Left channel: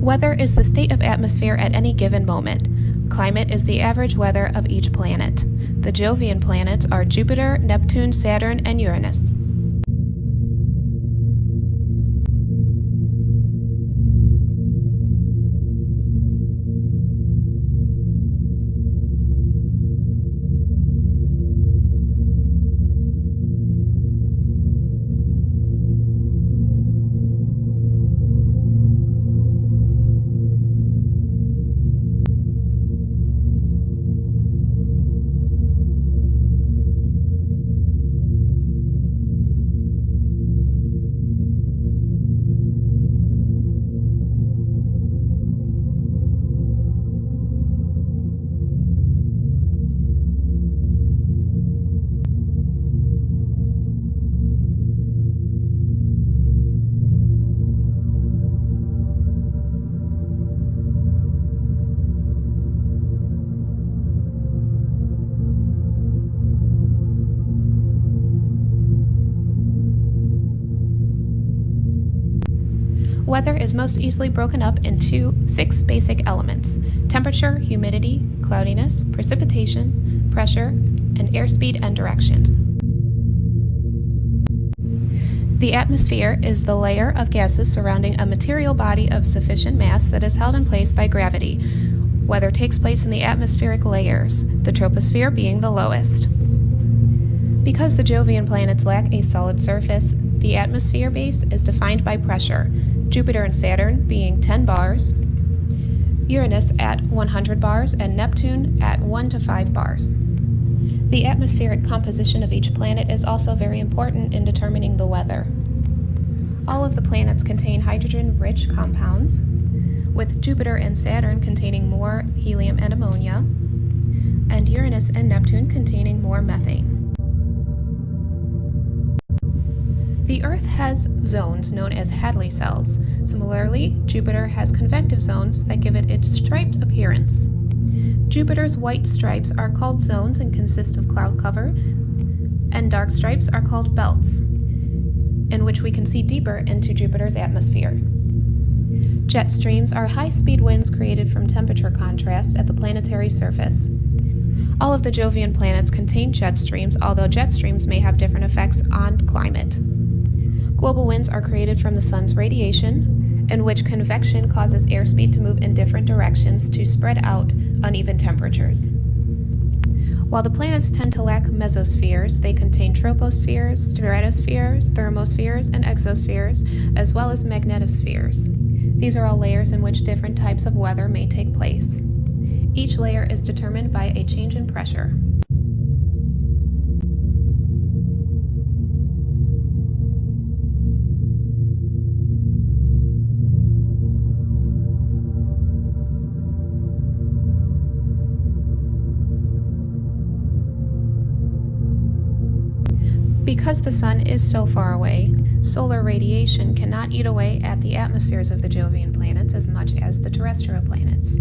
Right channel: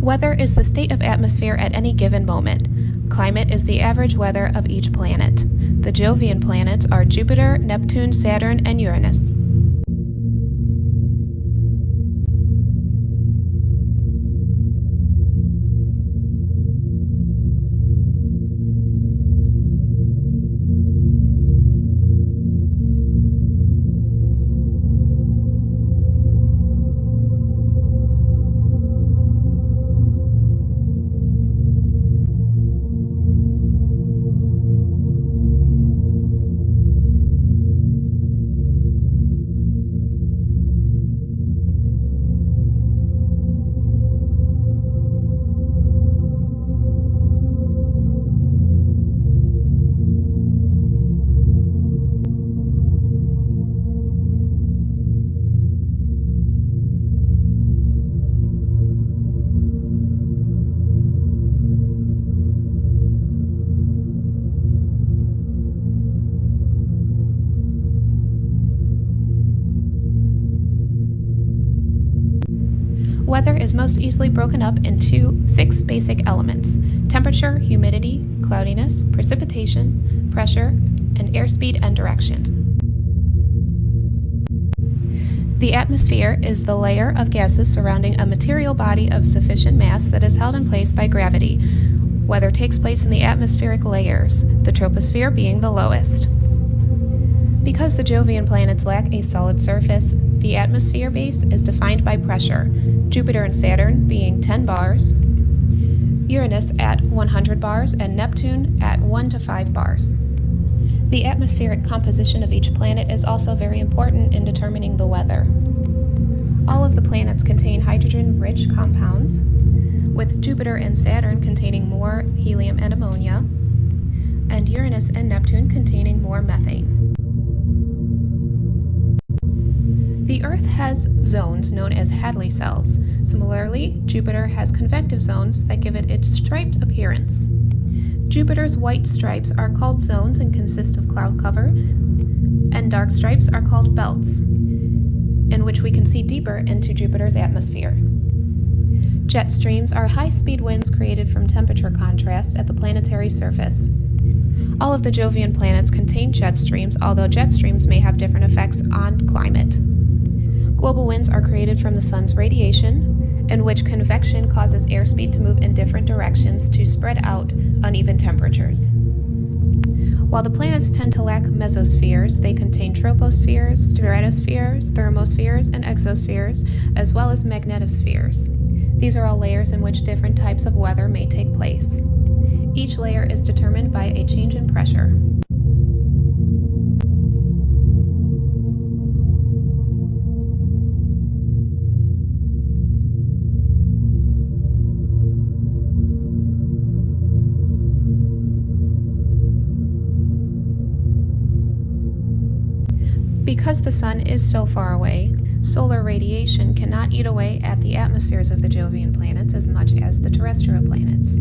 Weather is the state of atmosphere at any given moment. Climate is the average weather of each planet. The Jovian planets are Jupiter, Neptune, Saturn, and Uranus. Weather is most easily broken up into 6 basic elements: temperature, humidity, cloudiness, precipitation, pressure, and airspeed and direction. The atmosphere is the layer of gases surrounding a material body of sufficient mass that is held in place by gravity. Weather takes place in the atmospheric layers, the troposphere being the lowest. Because the Jovian planets lack a solid surface, the atmosphere base is defined by pressure, Jupiter and Saturn being 10 bars, Uranus at 100 bars, and Neptune at 1 to 5 bars. The atmospheric composition of each planet is also very important in determining the weather. All of the planets contain hydrogen-rich compounds, with Jupiter and Saturn containing more helium and ammonia, and Uranus and Neptune containing more methane. The Earth has zones known as Hadley cells. Similarly, Jupiter has convective zones that give it its striped appearance. Jupiter's white stripes are called zones and consist of cloud cover, and dark stripes are called belts, in which we can see deeper into Jupiter's atmosphere. Jet streams are high-speed winds created from temperature contrast at the planetary surface. All of the Jovian planets contain jet streams, although jet streams may have different effects on climate. Global winds are created from the sun's radiation, in which convection causes airspeed to move in different directions to spread out uneven temperatures. While the planets tend to lack mesospheres, they contain tropospheres, stratospheres, thermospheres, and exospheres, as well as magnetospheres. These are all layers in which different types of weather may take place. Each layer is determined by a change in pressure. Because the sun is so far away, solar radiation cannot eat away at the atmospheres of the Jovian planets as much as the terrestrial planets.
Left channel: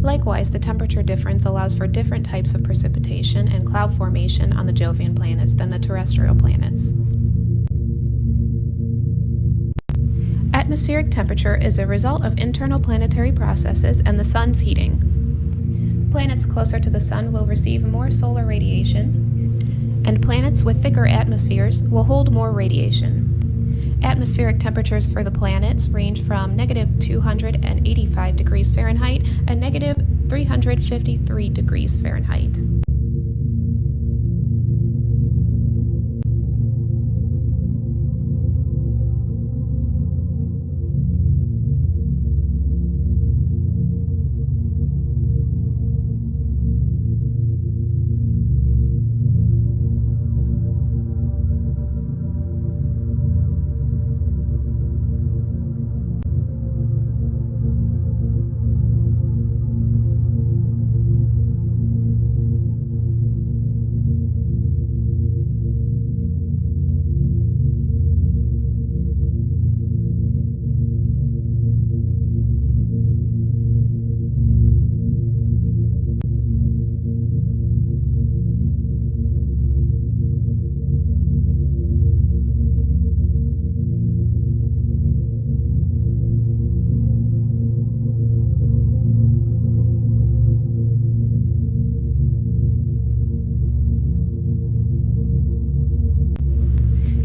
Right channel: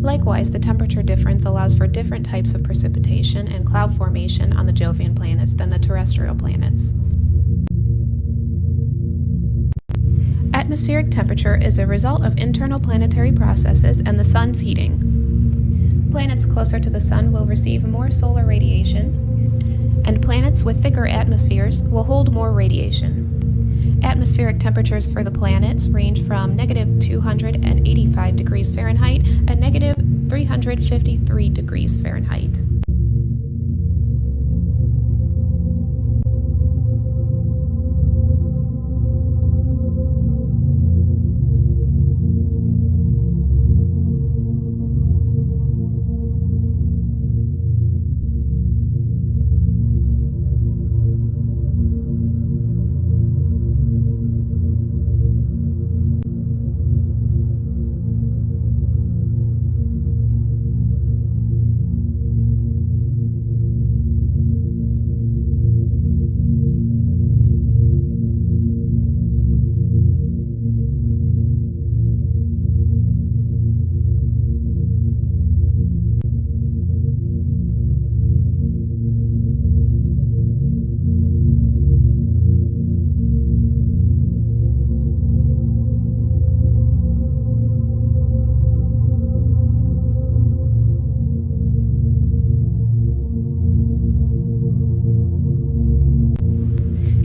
Likewise, the temperature difference allows for different types of precipitation and cloud formation on the Jovian planets than the terrestrial planets. Atmospheric temperature is a result of internal planetary processes and the sun's heating. Planets closer to the sun will receive more solar radiation, and planets with thicker atmospheres will hold more radiation. Atmospheric temperatures for the planets range from -285 degrees Fahrenheit and -353 degrees Fahrenheit.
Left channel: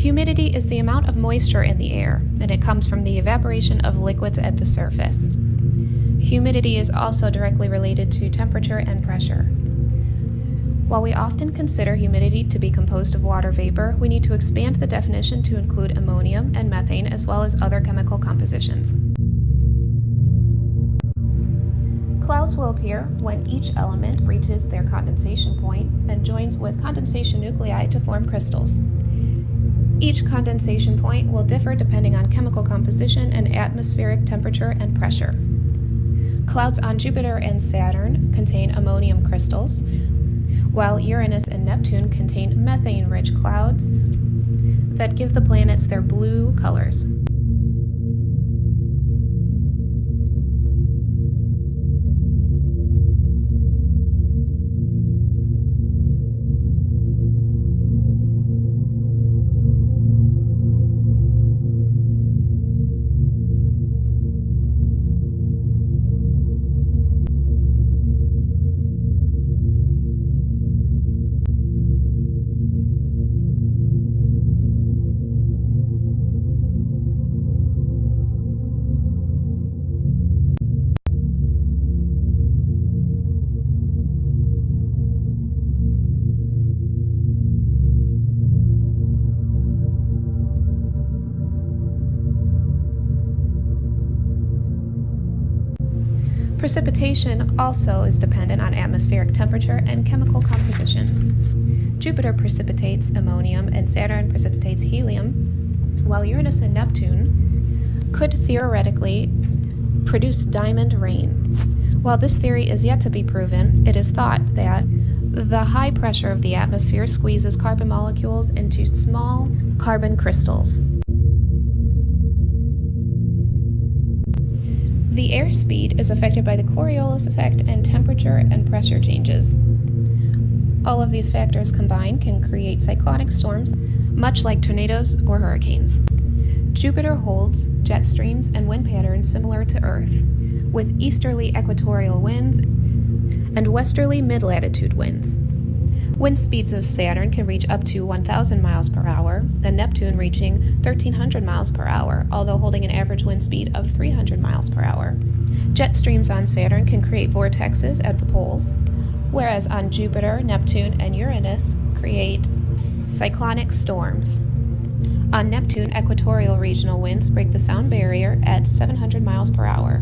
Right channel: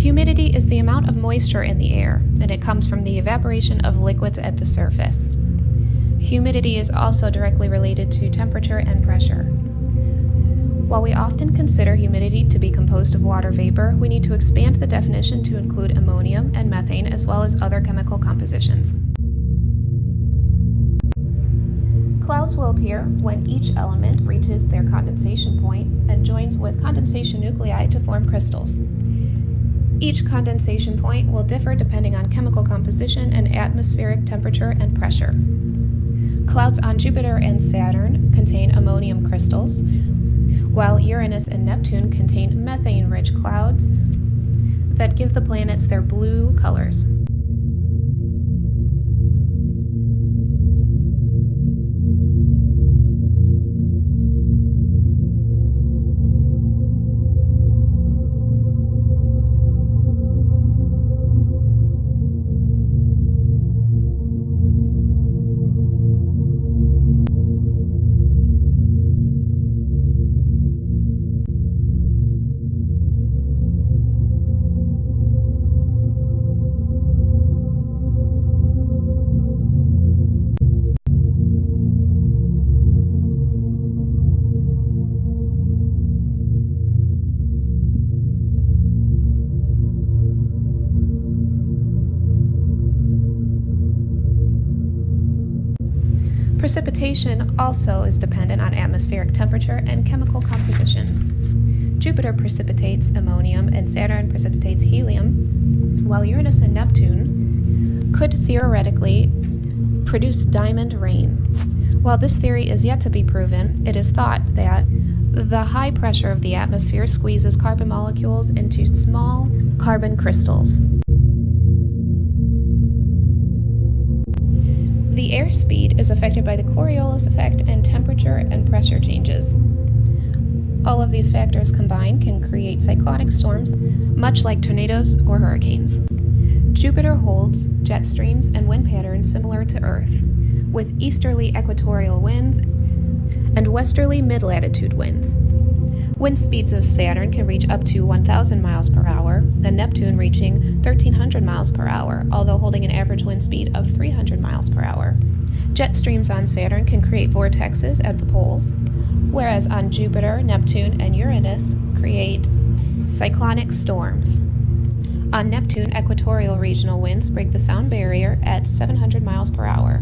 Humidity is the amount of moisture in the air, and it comes from the evaporation of liquids at the surface. Humidity is also directly related to temperature and pressure. While we often consider humidity to be composed of water vapor, we need to expand the definition to include ammonium and methane as well as other chemical compositions. Clouds will appear when each element reaches their condensation point and joins with condensation nuclei to form crystals. Each condensation point will differ depending on chemical composition and atmospheric temperature and pressure. Clouds on Jupiter and Saturn contain ammonium crystals, while Uranus and Neptune contain methane-rich clouds that give the planets their blue colors. Precipitation also is dependent on atmospheric temperature and chemical compositions. Jupiter precipitates ammonium and Saturn precipitates helium, while Uranus and Neptune could theoretically produce diamond rain. While this theory is yet to be proven, it is thought that the high pressure of the atmosphere squeezes carbon molecules into small carbon crystals. The airspeed is affected by the Coriolis effect and temperature and pressure changes. All of these factors combined can create cyclonic storms, much like tornadoes or hurricanes. Jupiter holds jet streams and wind patterns similar to Earth, with easterly equatorial winds and westerly mid-latitude winds. Wind speeds of Saturn can reach up to 1,000 miles per hour, and Neptune reaching 1,300 miles per hour, although holding an average wind speed of 300 miles per hour. Jet streams on Saturn can create vortexes at the poles, whereas on Jupiter, Neptune, and Uranus create cyclonic storms. On Neptune, equatorial regional winds break the sound barrier at 700 miles per hour.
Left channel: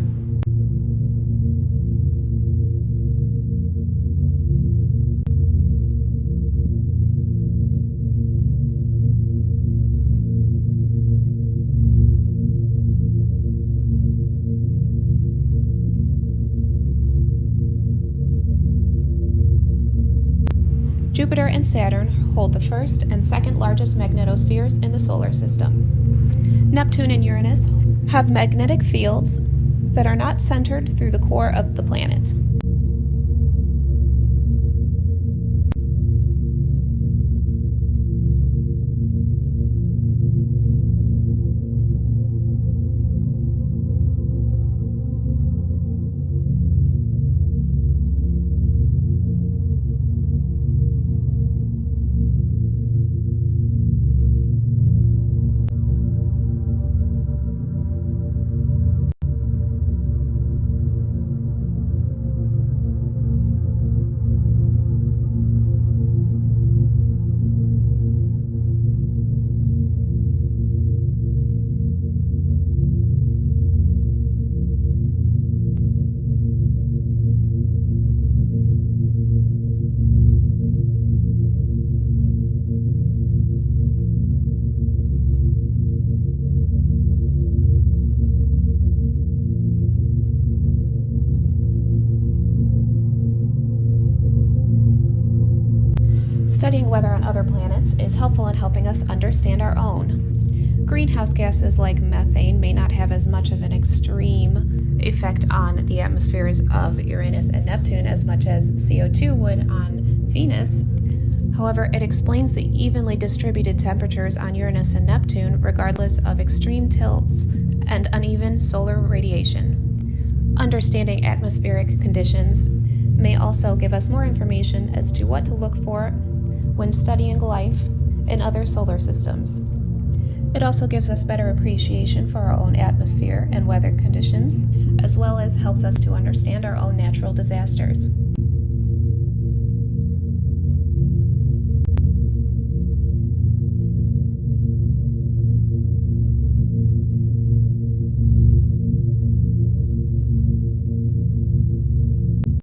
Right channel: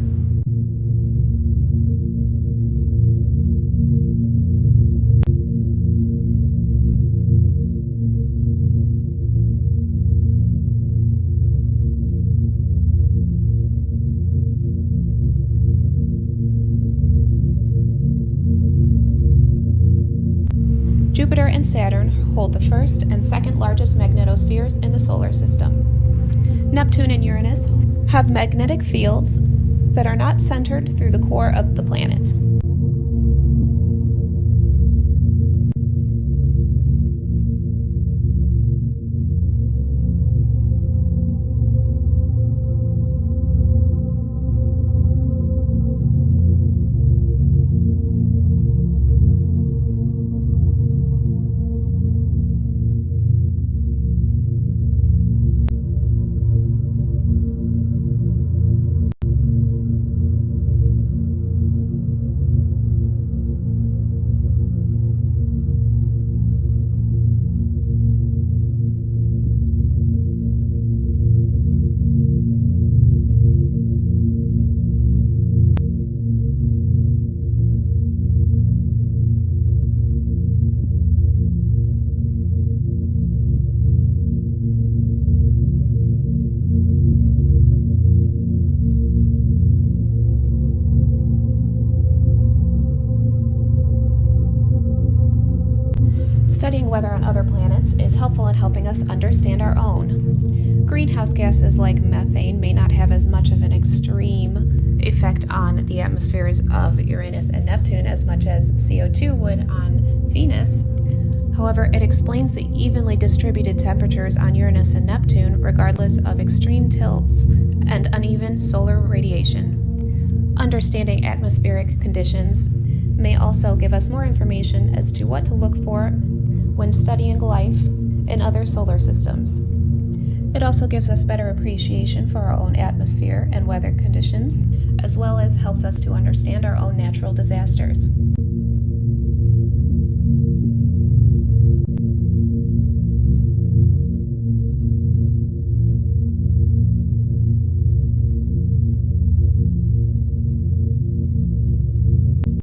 Jupiter and Saturn hold the first and second largest magnetospheres in the solar system. Neptune and Uranus have magnetic fields that are not centered through the core of the planet. Studying weather on other planets is helpful in helping us understand our own. Greenhouse gases like methane may not have as much of an extreme effect on the atmospheres of Uranus and Neptune as much as CO2 would on Venus. However, it explains the evenly distributed temperatures on Uranus and Neptune regardless of extreme tilts and uneven solar radiation. Understanding atmospheric conditions may also give us more information as to what to look for when studying life in other solar systems. It also gives us better appreciation for our own atmosphere and weather conditions, as well as helps us to understand our own natural disasters.